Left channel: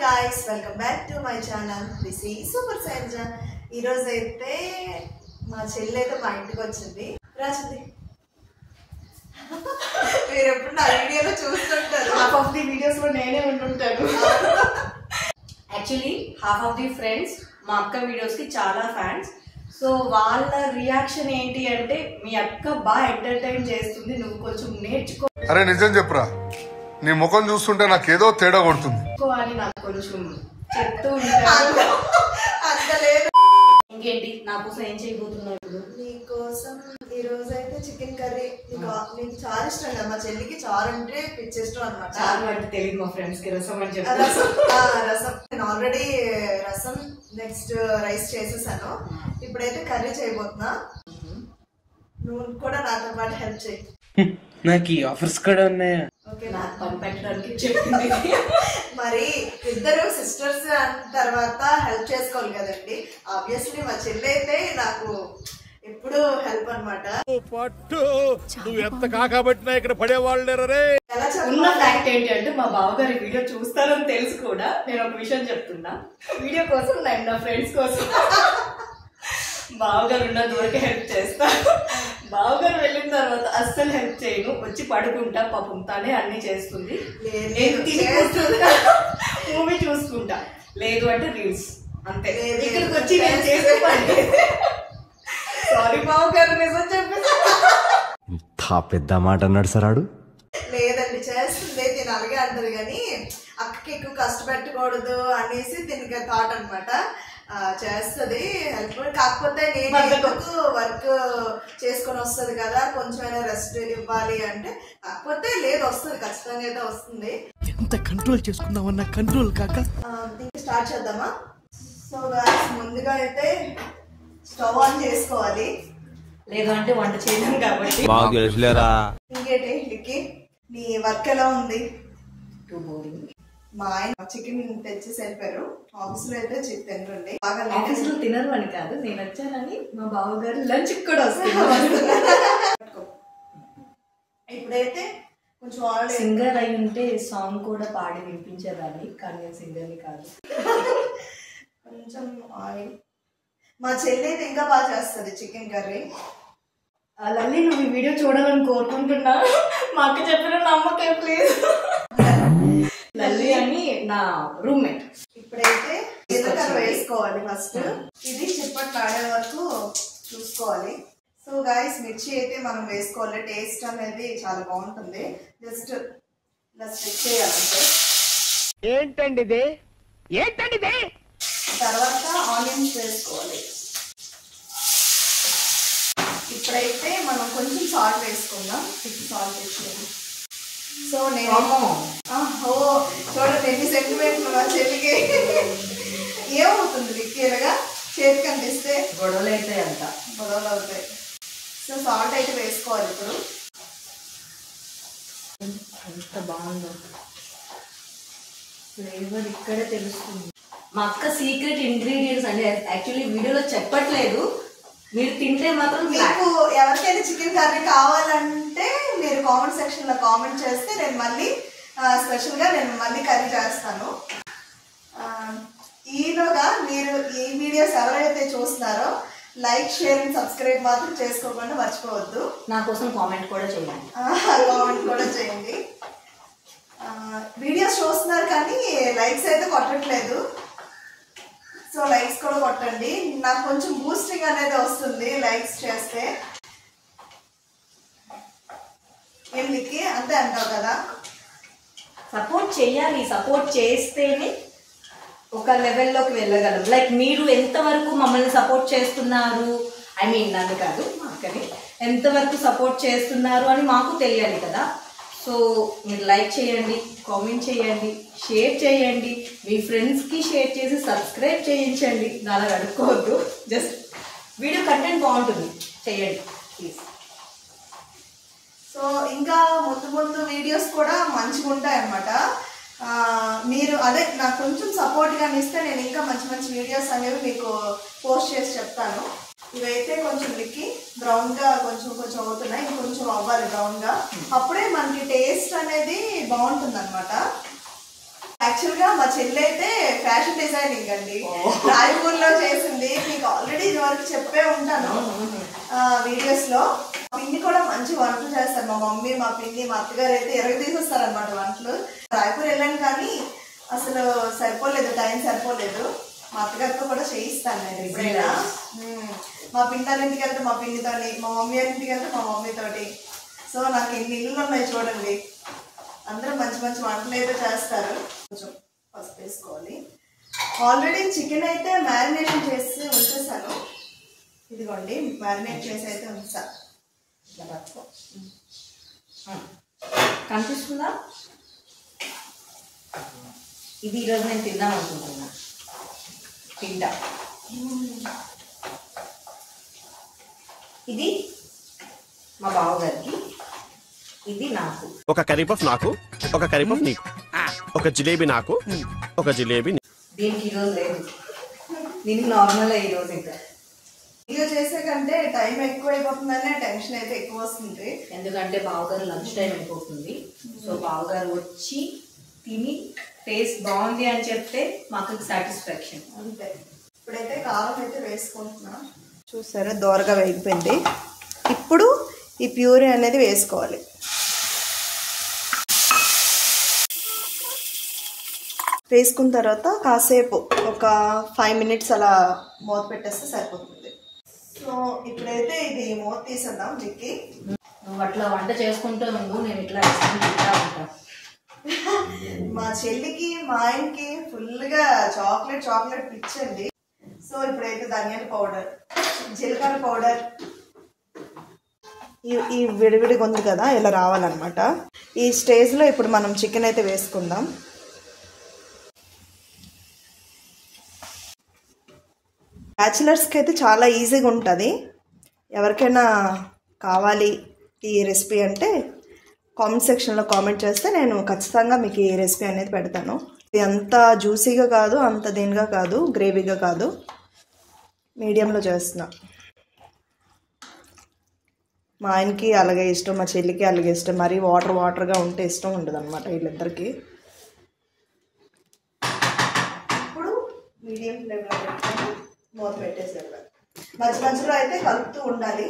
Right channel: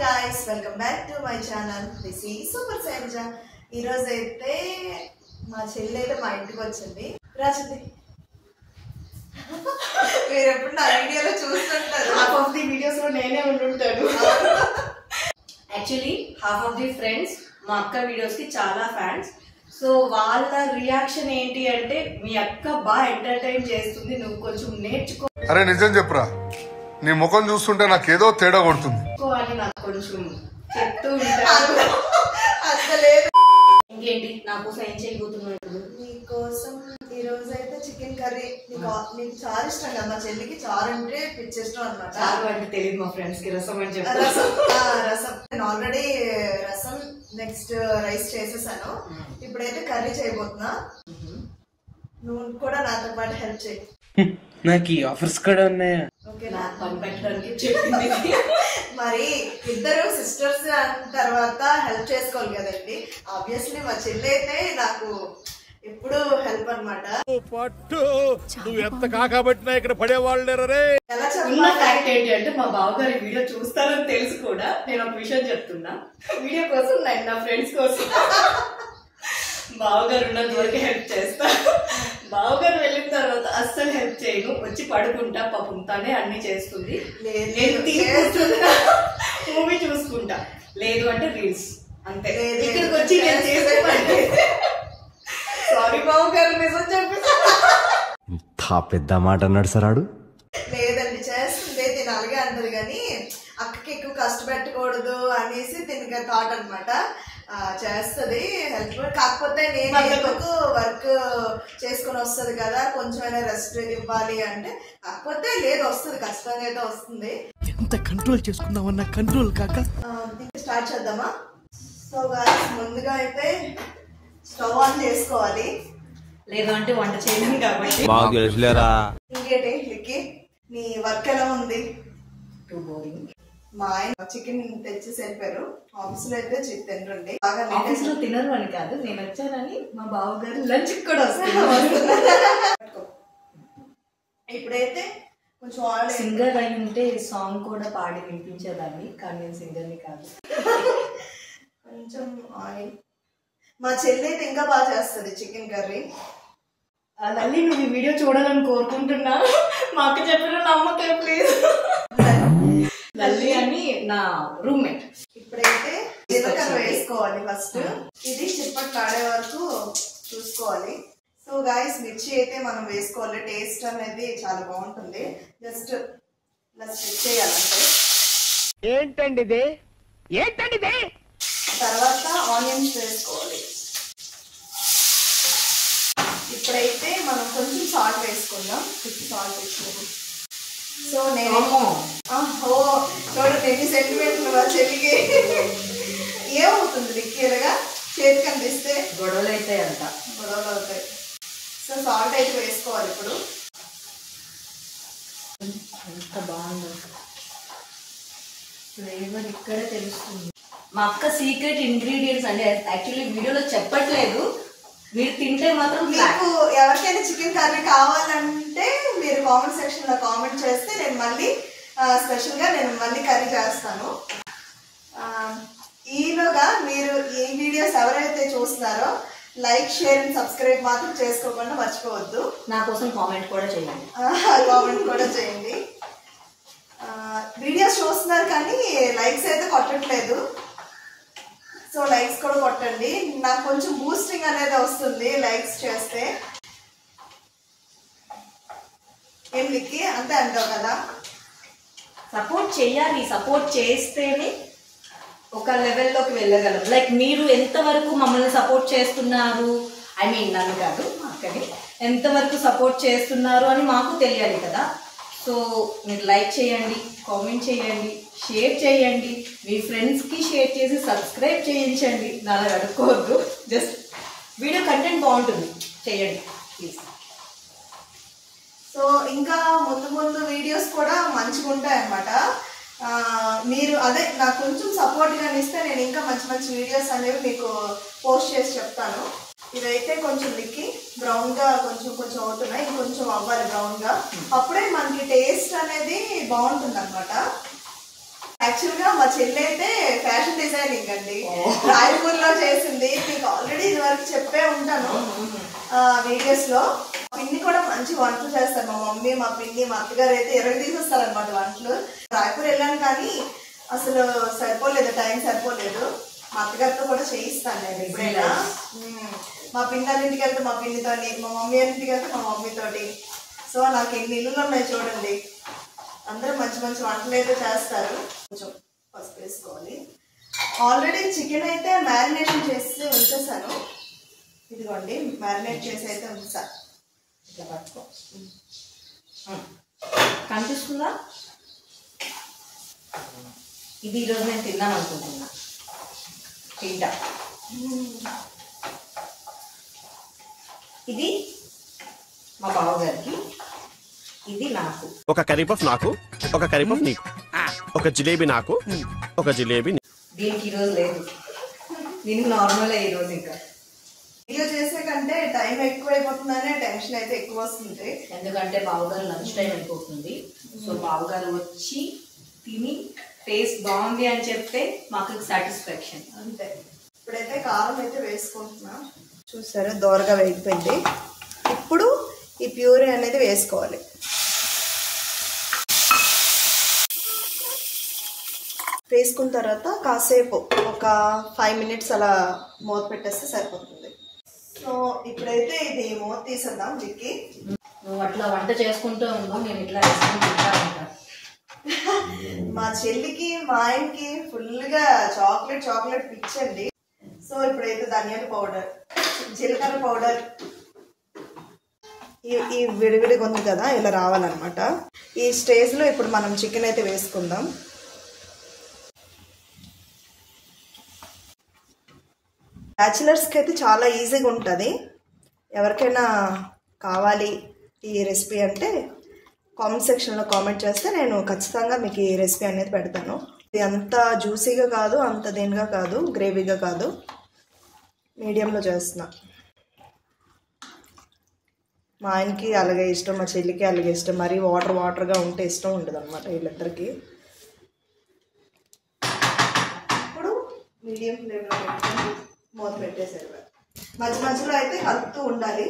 guys, welcome back to my channel. This is Super Sanjay. ఈ రోజు అయితే మా చెల్లి అయితే మా ఇంటికి వచ్చింది. రాజది మీరు ఎప్పుడు నా వీడియోలో చూస్తుంటారు. హాఫ్ ఆఫ్ ది వీడియోస్ లో నేనే ఉంటుంటాను. Actually half of the friends మా అక్క వీడియోస్ కి చాలా ఫ్యాన్స్. సో వాళ్ళ రియాక్షన్ ఏంటి అంటే మీ అక్క బాగా ఎంటర్టైన్ చేస్తుంది, నువ్వు కొంచెం నేర్చుకో. అరే నిజం చెప్పురా, నీ ముఖం చూస్తుంటే నాకేదో తేడా కొడుతుంది అని నాకు కొంచెం చెప్తూ ఉంటాను. ఇంకేంటి నా కోసం ఏం చేయబోతున్నావు ఇప్పుడు? నీకోసం ఈ రోజు అయితే చికెన్ కర్రీ. నీకు చాలా ఇష్టం కదా, మా చెల్లికి చారు అంటే పిచ్చి ఇష్టం అనమాట. చారు అంటే తెలియదు మా ఫ్రెండ్స్ కి, రసం అని చెప్పి. రసం నేను ఆల్రెడీ రసం నెక్స్ట్ రైస్ చేసేసాను. ఇప్పుడైతే కర్రీ చేయబోతున్నా. నువ్వు కూడా నాతో పాటు హెల్ప్ చేయి. నాకు ఈ ఆఫర్స్ కూడా ఉన్నాయా? ఓకే, నాకు పంపించడానికి చెప్పింది. మరి ఇద్దరు సిస్టర్స్ తర్వాత హెల్ప్ చేసుకోవాలి కదండి. ఆబ్వియస్లీ మా చెల్లి అయితే నాకు ఎప్పుడు హెల్ప్ అనమాట. ఉన్న ఫ్యాక్ట్ ఏంటి అంటే మా బావగారి వీడియో చూస్తారని తెలిసి కూడా నేను ఒక విషయం చెప్తున్నా. వీడియో కోసం నేను నా ఫ్రెండ్స్ కోసం బావగారు ఉన్నంత వరకు హెల్ప్ చేస్తా. బావగారు వెళ్ళిన తర్వాత అస్సలు హెల్ప్ చేయను, వచ్చి పడుకుంటా. పాపం తనే అన్ని చేస్తుంది. మూవీ చూసుకుంటా, లేదు అంటే రీల్స్, అంతే. ఇక్కడికి వచ్చి నేను చేసే పని. సారీ బావగారు, నిజం చెప్పేసి. ఇంత పెద్ద మాట అన్నాడు సరాడు. లేదండి, చేస్తుంది, తిని అలాగే అంటది కానీ అక్కకి ఎక్కువ కష్టపెట్టకూడదు అనేసి దీనికి థాట్ అనమాట. చేస్తుంది హెల్ప్. కాకపోతే నేను ఎందుకు వర్క్ చేసుకొని వస్తుంది కదా, కొంచెమైనా రెస్ట్ ఇవ్వాలి అంటే. కాకపోతే లేదు, వస్తుంది, ఖచ్చితంగా అయితే వస్తుంది. ఎంత కంట్రోల్ చేసుకుందామన్నా కంట్రోల్ కాక. ఇంకా స్టార్ట్ చేద్దామా? సో గాయ్స్, ముందుగా అయితే స్టవ్ ఆన్ చేసుకోవాలి. లేదు అంటే వంట చేయలేము కాబట్టి. ఇంకేంటి లిక్కి, నీ వర్క్ ఎలా ఉంది? మా ఆయన చికెన్ తెచ్చి వెళ్ళిపోయారు. ఆఫీస్ లో అయితే తినరండి. ఆఫీస్ లో తినరు అని కాదు, నేను వచ్చానని మా బావగారు లంచ్ కూడా వస్తారు. ఇప్పుడైతే కొంచెం సింగర్ అయి ఉంటే సాంగ్ కూడా పాడి వినిపించేదాన్ని, కానీ నేను సింగర్ని కాదు. కొంచెం ఆయిల్. మా చెల్లి అయితే ఇంకా బాగా చేస్తుంది చికెన్ కర్రీ. లల్లి, నువ్వు ఈ వీడియో చూడాలని కోరుకుంటున్నా. మా అక్క చెప్పిన నమ్మకం ప్లీజ్. లల్లి అని నా రూమ్మేట్. ఇప్పుడైతే జీలకర్ర వేసుకోవాలి ఫస్ట్. ఇది చిప్పట్లు ఆడే వరకు చూసుకోవాలి. సో గాయస్, మిర్చి అయితే మనం వేసుకోవాలి. టేస్ట్ అనేది చాలా బాగుంటుంది. జస్ట్ ఇలా స్ప్రెడ్ చేయాలంటే. ఏంటండి తర్వాత ఆనియన్స్ వేసుకోవాలి. ఇప్పుడైతే మనం కొంచెం సాల్ట్ వేసుకుందాం. సాల్ట్ వేసుకోవాలి. సో నేను చూడండి ఎన్ని సెంటిమీటర్లు మా చెల్లికి. ఏమవుతుంది లిక్కేలుగా చేతికి అందిస్తే గొడవలు అవుతాయి అంట. గొడవలు అవుతాయి. సో సాల్ట్ అయితే వేసుకోవాలి. ఇప్పుడు ఎంత బాగుందో ఫ్లేవర్ ఇక్కడే తెలుస్తుంది. మా అక్క సీక్రెట్ ఇంగ్రీడియంట్స్ అంటే యాక్చువల్లీ వీడియోలో చెప్పట్లేదు, మీరు తింటే మాత్రం. మీకు ఎవరికైనా చికెన్ కర్రీ కావాలంటే మీరు కామెంట్ సెక్షన్ లో కామెంట్ చేస్తే నేను మళ్ళీ స్పెషల్ గా నేను మళ్ళీ కర్రీ చేస్తాను. ఈలోగా మీరు ఈ వీడియోస్ ఎవరైతే చూస్తున్నారో లైక్, షేర్ అండ్ సబ్స్క్రైబ్ మాత్రం చేసుకోకుండా మర్చిపోవద్దు. నా కోసం కామెంట్ కూడా చేయండి. కామెంట్ కూడా చేయండి. వీడియోస్ చూస్తున్నారు కానీ లైక్స్ అయితే కొట్టట్లేదు. సో లైక్స్ కూడా కొట్టండి, నాకు కొంచెం బూస్టింగ్ అనేది వస్తుంది లైక్స్ చేస్తే. ఏం లిక్కి, అంతే అంటావు కదా? సపోర్ట్ చేయాలి, సపోర్ట్ చేస్తేనే ఒక లెవెల్లోకి వెళ్ళగలం. లైక్ మీరు ఎంతవరకు మమ్మల్ని సపోర్ట్ చేస్తున్నారు, ఐ మీన్ నన్ను కాదు మా అక్కని ఎంతవరకు సపోర్ట్ చేస్తున్నారు అని మాకు తెలియాలి కదా. సో మీరు లైక్ చేయండి, కామెంట్ చేయండి, షేర్ చేయండి, మీ ఫ్రెండ్స్కి షేర్ చేసి సబ్స్క్రైబ్ చేయించండి. నాలా అడుక్కోవద్దు, జస్ట్ వీడియో కంటెంట్ బాగుంటుంది చేయండి ప్లీజ్. సో ఇంకా ముందు వీడియోస్ కూడా మంచిగా ఉంటాయి అన్నమాట. మీరు అదే నాకు కొంచెం సపోర్ట్గా ఇస్తే నేను ఇంకా మంచి వీడియోస్ అనేవి మీకు పోస్ట్ చేసి చెప్తాను. ఇవైతే కొంచెం లిక్కి బ్రౌన్గా కొంచెం అవుతున్నాయి, ఇంకొంచెం అవ్వాలి బ్రౌన్గా. అప్పుడే మనకి టేస్ట్ అనేది బాగుంటుంది అనమాట. యాక్చువల్ గా మా చెల్లి అయితే ఫ్యాషన్ డిజైనింగ్ అండి, రాయపూర్ లో చేసింది. మీకు ఆల్రెడీ ఇది వరకు చెప్పే ఉంటాను వీడియోస్ లో. పిన్ని కూడా మంచి వంటలు చేస్తారు. మా మమ్మీ, మా పిన్ని, మా అత్తగారు అయితే తీసేస్తారు అనమాట వంటలు. రాయపూర్ వెళ్ళాను కానీ అసలు సరిపోలేదు, టైం సరిపోలేదు. మా అత్తగారితో కూడా చేయిస్తాను నేను ఎప్పుడైనా. మా పిన్ని ఇంటికి వెళ్తే మా పిన్నితోని, మా మమ్మీ ఇంటికి వెళ్తే మా మమ్మీతోటి. సో నాకు ఎన్ని ఇల్లులు ఉన్నాయి చూడండి. అందరూ మంచి మంచి వంటలు అయితే చేస్తారు. కొంచెం పసుపు వేసుకోవాలి. ఆల్రెడీ చికెన్ అయితే మ్యారినేషన్ చేసి ఉంచేసాను. ఇదిగోండి మ్యారినేట్ చేసి అయితే ఉంచా. ఇట్లా పట్టుకో, కనిపిస్తుందా? ఇది ఈరోజు నేను తిందాం అనుకుంటున్నా. తింటా. ఇది మా బావగారికి, ఇది నాకు. ఒక కర్రీపఫ్ నాకు, ఒక కర్రీపఫ్ నీకు, ఒక జిలేబీ నాకు, ఒక జిలేబీ. దీనికి ఈరోజు లేదు, దీనికి నార్మల్ ఈరోజు. ఇంకా వీడియో చేసే కంటే టైం ఎక్కువ అయిపోతుందనే టెన్షన్ అయితే ఎక్కువ వస్తుంది. ఎందుకంటే బావగారు లంచ్ టైం అయిపోతుంది. సో బావగారు వచ్చి తిని టేస్ట్ బాగుంది అని చెప్తే మాకు సాటిస్ఫాక్షన్ అంతే. ఇప్పుడైతే కారం అయితే వేసుకుంటున్నా. చూసారా దోరగా వేగిపోయింది. ఇప్పుడు ఈ ప్యూరీ అనేది వేసుకోవాలి. వేసుకున్న తర్వాత కాసేపు ఒక 5 minutes అలా మూత పెట్టేస్తే సరిపోతుంది. సో ఇప్పుడైతే ఇది మూత తీసేద్దాం. దిక్కి నువ్వు అట్లా వంట చేసుకుంటూ ఉండు, నేను ఇట్లా వేసుకుని తింటా ఉంటా. మా చెల్లికి మా ఆయనకి ఫుల్గా చాక్లెట్ పిచ్చండి. సో ఇప్పుడైతే ధనియాల పౌడర్, జీలకర్ర పౌడర్, ఈ విడివిడిగా ఉంది కదా ఇలా రావాలన్నమాట. ఈ స్టేజ్లో ఇప్పుడు మనం చికెన్ అయితే వేసుకుందాం. బ్యాచిలర్స్కి అయితే చాలా ఈజీగా ఉంటుంది. ఎవరికైనా కావాలి ఈ రెసిపీ అంటే కామెంట్ సెక్షన్లో కామెంట్ చేస్తే నేను ఖచ్చితంగా మీకు ఈ రెసిపీ అనేది పెడతాను. ఇది అంత జ్యూసీగా కాదు, అంత దీనిగా కాదు, గ్రేవీగా కాదు, మీడియంలో చేస్తున్నా. మా ఆయనకి అలాగే ఇష్టం, మా చెల్లికి అలాగే ఇష్టం. మరీ వాటర్గా ఉంటే ఇష్టం ఉండదు అనమాట వీళ్ళిద్దరికి. ఇప్పుడు మీడియం ఫ్లేమ్లో పెట్టుకొని మూత పెట్టేసారు. మధ్యలో అయితే కలుపుతూ ఉండాలి.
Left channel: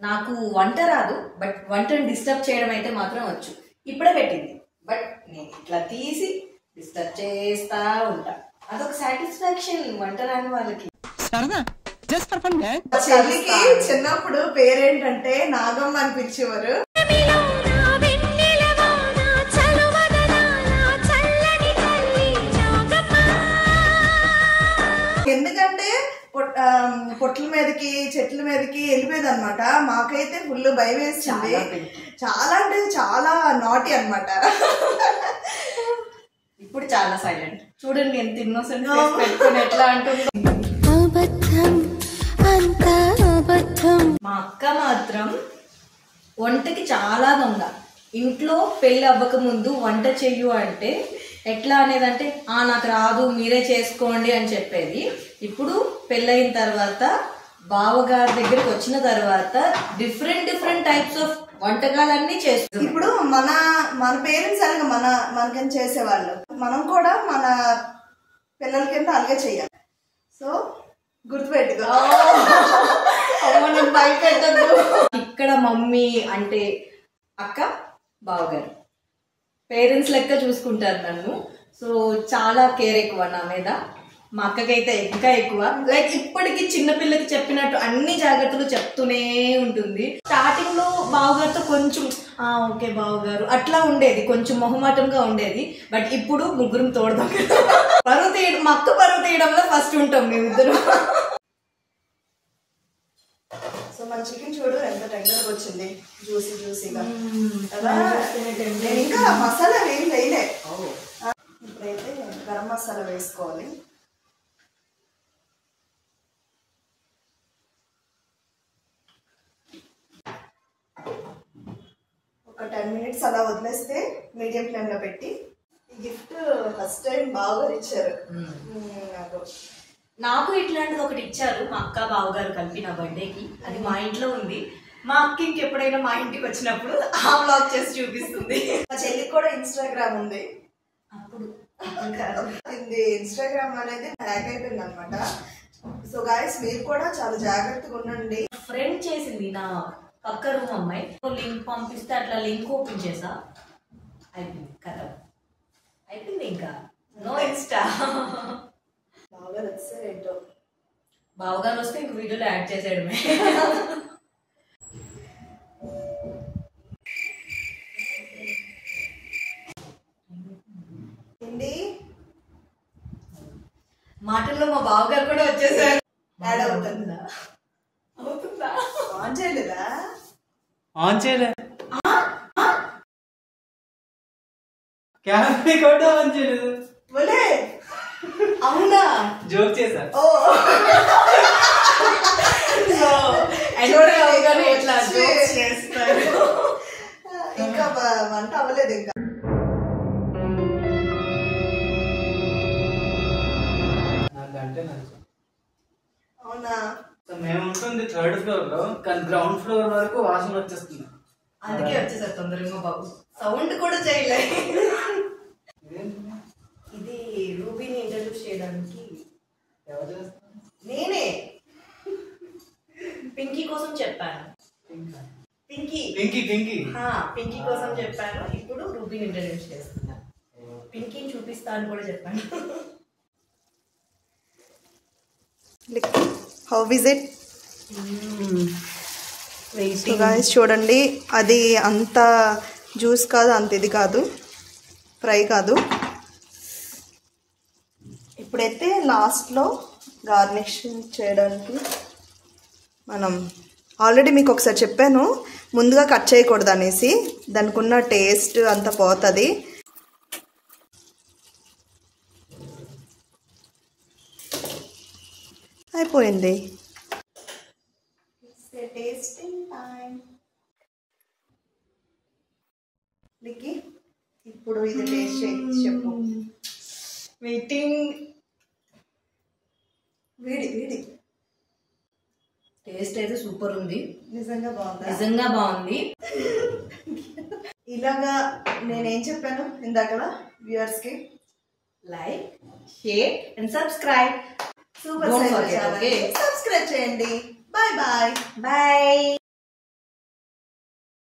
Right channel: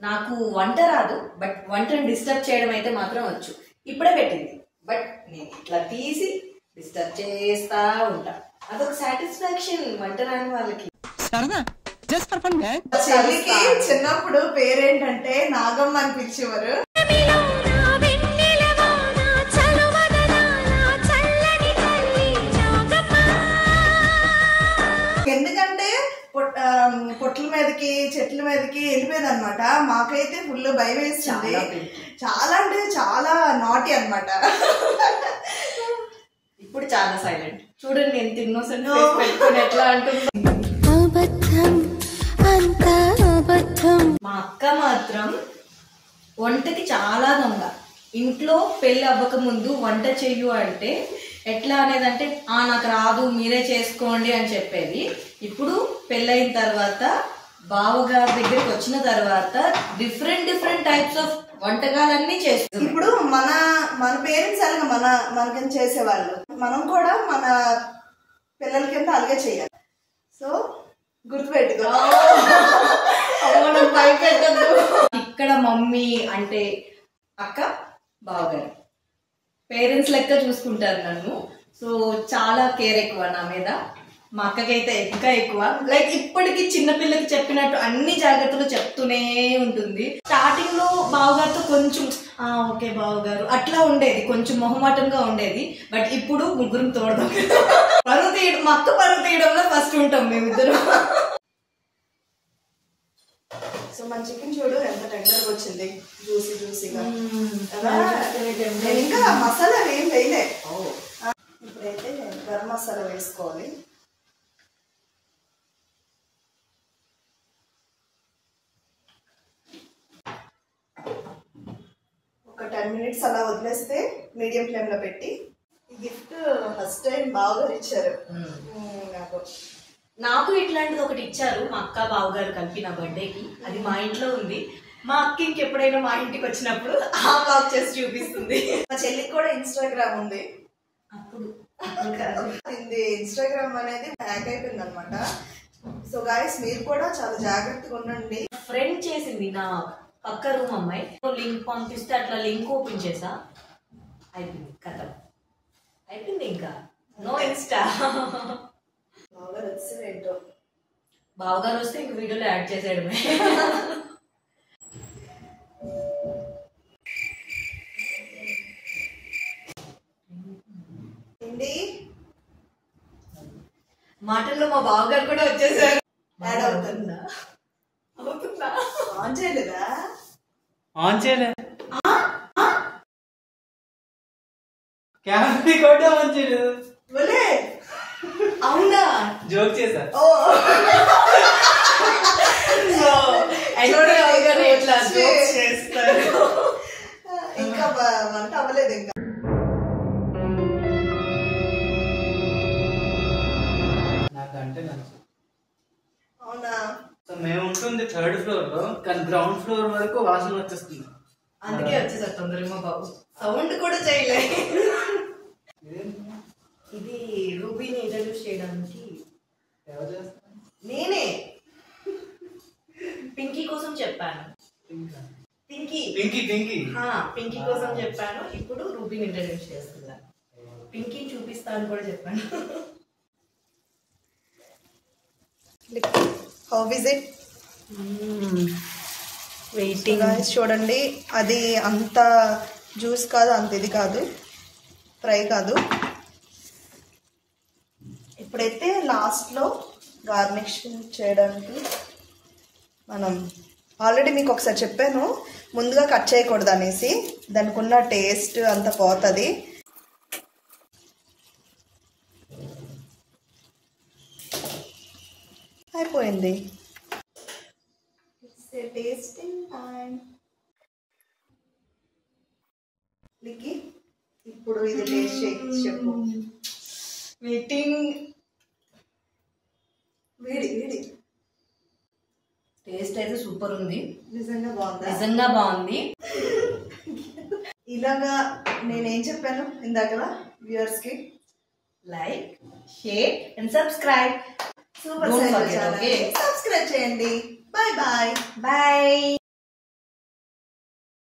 నాకు వంట రాదు, బట్ వంటను డిస్టర్బ్ చేయడం అయితే మాత్రం వచ్చు. ఇప్పుడే పెట్టింది, బట్ నేను ఇట్లా తీసి డిస్టర్బ్ చేస్తా ఉంటా. అదొక సాటిస్ఫాక్షన్ వంట రాని వాళ్ళకి. చెల్లికి చిన్నప్పుడు పేరేంటంటే నాగమ్మ అనిపించేవారు. ఎందుకంటే పొట్ల మీదకి చెట్ల మీదకి వెళ్ళిపోయేది అనమాట. మాకైతే ఫుల్ భయం వేస్తుంది. చాలా అంటే చాలా నాటి అనమాట. ఇప్పుడు చాలా సైలెంట్. చూడండి ఎంత ఇన్నోసెంట్ పెట్టుకుని ఎట్లా అంటుందో. మా అక్క మాత్రం వంటకి చాలా దొంగ. ఇంట్లో పెళ్ళి అవ్వక ముందు వంట చెయ్యు అంటే ఎట్లా అనేది అంటే నాకు రాదు మీరే చేసుకోండి అని చెప్పేది. ఇప్పుడు పెళ్ళయిన తర్వాత బావగారి దగ్గరికి వచ్చిన తర్వాత డిఫరెంట్ టైప్స్ ఆఫ్ వంటకాలన్నీ చేస్తుంది. ఇప్పుడు మన పేరెంట్స్ అలాగే మనకని చేసేవాళ్ళు, మనం కూడా మన పిల్లల కింద అలాగే చెయ్యాలి. సో గుర్తుపెట్టుకో. ఇక్కడ మమ్మీ అంటే అక్క, బావగారు పేరెంట్స్ లెక్క చూసుకుంటారు నన్ను. సో చాలా కేర్ ఎక్కువ నా మీద. మా అక్కకైతే ఇంకా ఎక్కువ. లైక్ ఇప్పటికి చిన్నపిల్లకి చెప్పినట్టు అన్ని జాగ్రత్తలు చెప్తూనే ఉంటుంది. స్టార్టింగ్ లో బావగారితో కొంచెం ఓకే బావగారు అట్లా ఉండేది, కొంచెం మొహమాటంగా ఉండేది. బట్ ఇప్పుడు ముగ్గురం తోడదాం. పరువు తీయడం, మా అక్క పరువు తీయడంలో ఫస్ట్ ఉంటాం మేమిద్దరు. సో మన చికెన్ చూడు ఎంత టెండర్గా వచ్చింది, జ్యూసీగా. ఇంకా మసాలా ఏం వేయలే. ఇప్పుడైతే గరం మసాలా వేసుకోవాలి. ఒక 10 minutes అలా వదిలేస్తే మీడియం ఫ్లేమ్లో పెట్టి. ఈ గిఫ్ట్ ఫస్ట్ టైం బాగా ఇచ్చారు నాకు. ఇట్లాంటిది ఒకటి ఇచ్చారు మా అక్క బావగారు కలిపి నా బర్త్డేకి. అది మా ఇంట్లో ఉంది. మా అక్క ఇంకెప్పుడైనా మా ఇంటికి వచ్చినప్పుడు ఆ బ్లాగ్ చేసి చూపిస్తుంది. మా చెల్లికి కూడా ఇన్స్టాగ్రామ్ ఉంది. అక్క ఇప్పుడు ఇది ఇన్స్టాగ్రామ్ అనేది హ్యాక్ అయిపోయింది అనమాట. సో గాయస్ మీరు కూడా చాలా జాగ్రత్తగా ఉండండి. ఫ్రెండ్ చేసింది నా పక్క రూమ్ అమ్మాయి, లింక్ పంపిస్తే అట్లా లింక్ ఓపెన్ చేసా, అయిపోయింది కదా, అయిపోయింది, ఇంకా నో ఇన్స్టా. బాగా నచ్చింది ఏంటో. బావగారు వస్తే ఇంక వీడియోలో యాడ్ చేసేయడమే. ఏంటి మాటల్లో మా బావగారు కూడా వచ్చేసారు. యాడ్ అవుతుందా? అవుతుందా? ఆన్ చేయలేదా? ఆన్ చేయలే, కెమెరా కూడా ఆన్ చేయలేదు. ఒలే అవునా? జోక్ చేశా. ఓ చూడగానే ఇట్లా jokes చేస్తారు. ఇంకా వంట అవ్వలేదు ఇంకా. నాకంటే నచ్చు. అవునా? సో మేము ఉంటుంది 3rd ఫ్లోర్ లో, కానీ గ్రౌండ్ ఫ్లోర్ వరకు వాసన వచ్చేస్తుంది. అందుకే వచ్చేసారు తొందరగా మా బాబు. సౌండ్ కూడా చేయలే. ఇది రూబీని ఇంట్రడ్యూస్ చేయడానికి ఎవరు చేస్తారు? నేనే పింకీ కోసం చెప్పాను. పింకీ పింకీ పింకీ పింకీ కోసం చెప్పాను. ఇప్పుడు రూబీని ఇంట్రడ్యూస్ చేస్తున్నా. పింకీని చూపిస్తా అని కూడా చెప్పాను. How is it? గాయస్ చూడండి, అది అంత జ్యూస్ కాదు, అంత ఇది కాదు, ఫ్రై కాదు. ఇప్పుడైతే లాస్ట్లో గార్నిష్ చేయడానికి మనం ఆల్రెడీ మీకు ఒకసారి చెప్పాను, ముందుగా కట్ చేయకూడదు అనేసి, దానికి ఉన్న టేస్ట్ అంతా పోతుంది. అయిపోయింది. Tasting time. లిక్కి ఇప్పుడు ఇది టేస్ట్ చేయి, చెప్పు. వెయిటింగ్. వేడి వేడి. టేస్ట్ అయితే సూపర్ ఉంది. నిజంగా బాగుందా? నిజంగా బాగుంది. ఇలాగా నేనేం చెప్పాను ఇందాకలా వ్యూవర్స్ కి? Like, share and subscribe. Super subscribe చేయండి. Bye bye. బాయ్.